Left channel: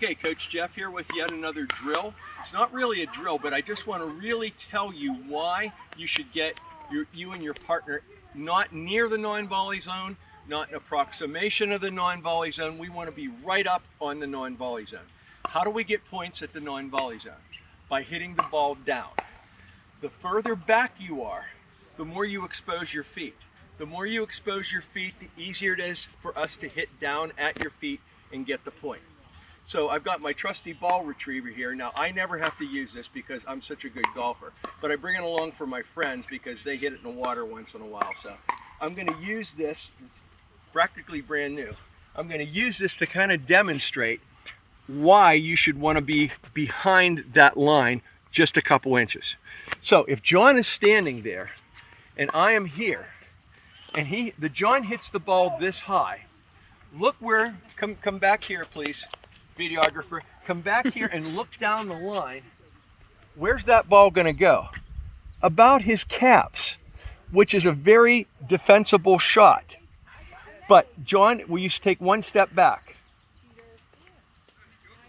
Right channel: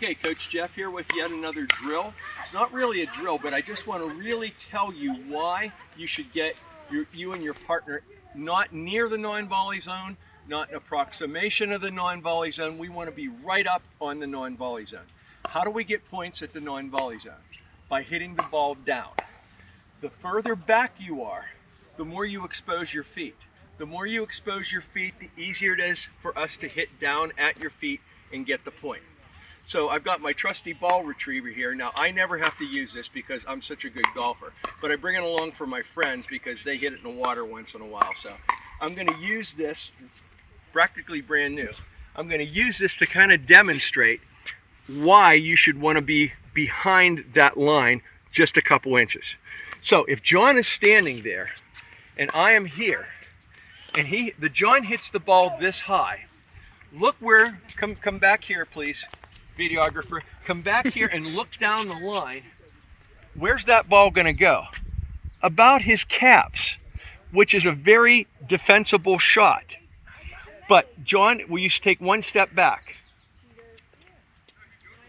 Okay, Coach Jeff here with yet another drill. It's not really a drill, but I just want to really tell you why you should get you and your partner not near the non-volley zone, not an approximation of the non-volley zone. We want to be right up on the non-volley zone. How do we get points at the non-volley zone? By hitting the ball down. The further back you are, the more you expose your feet. The more you expose your feet, the easier it is for us to hit down at your feet and get the point. So I've got my trusty ball retriever here. Now I never have to use this because I'm such a good golfer, but I bring it along for my friends because they hit it in the water once in a while. So I'm going to use this, it's practically brand new. I'm going to use this to kind of demonstrate why you should want to be behind that line just a couple inches. So if John is standing there and I am here and John hits the ball this high, look where, come back here please. Videographer, come back here and look down the line. Where's that ball going to go? About his calves, which is a very defensible shot. But John, will you take one step back?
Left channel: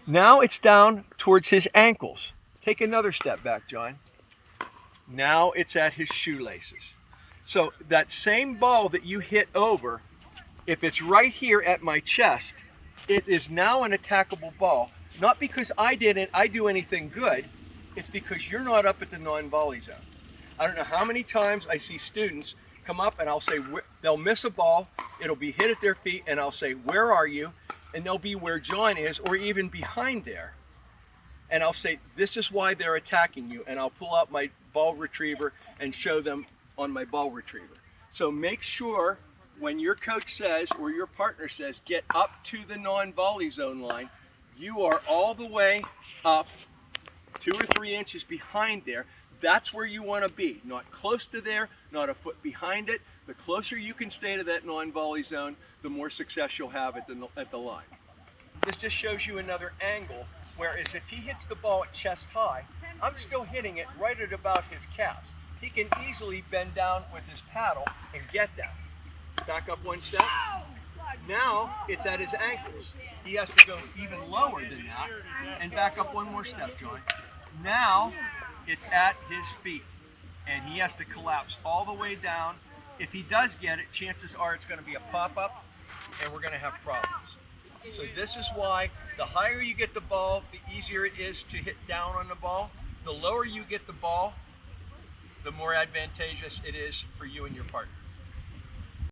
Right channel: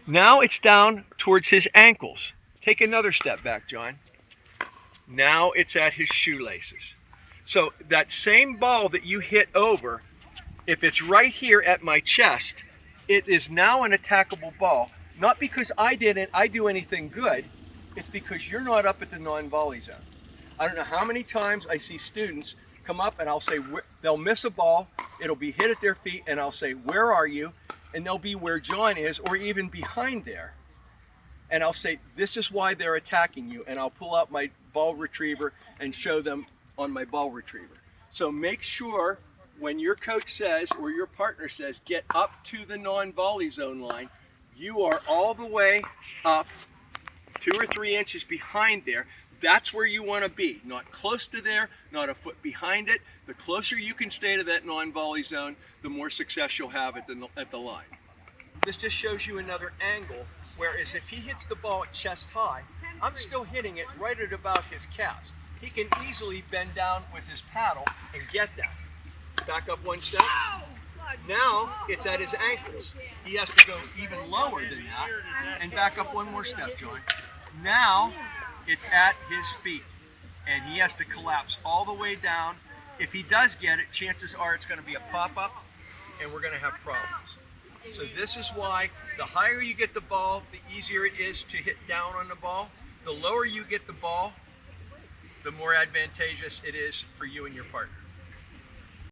Now it's down towards his ankles. Take another step back, John. Now it's at his shoelaces. So that same ball that you hit over, if it's right here at my chest, it is now an attackable ball, not because I didn't do anything good, it's because you're not up at the non-volley zone. I don't know how many times I see students come up and I'll say, they'll miss a ball, it'll be hit at their feet, and I'll say, where are you? And they'll be where John is, or even behind there. And I'll say, this is why they're attacking you, and I'll pull out my ball retriever and show them on my ball retriever. So make sure when your coach says, or your partner says, get up to the non-volley zone line, you are all the way up 2 or 3 inches behind there. That's where you want to be, not close to there, not a foot behind it. The closer you can stay to that non-volley zone, the more success you'll have at the line. This just shows you another angle, whereas if he hits the ball at chest high, I'm still hitting it right at about his calves. He can easily bend down with his paddle and get that. Back up one step. Now it's at his ankles. He has to go even lower than that. And back up one more step, John. Now it's at his feet. And he has to collapse all the way down. If he does get it, chances are it's going to be a pop-up and we're going to have problems. So this is why the higher you get the ball, the easier it is to hit down on the ball. The lower you get the ball, the more advantageous it is for you and your partner.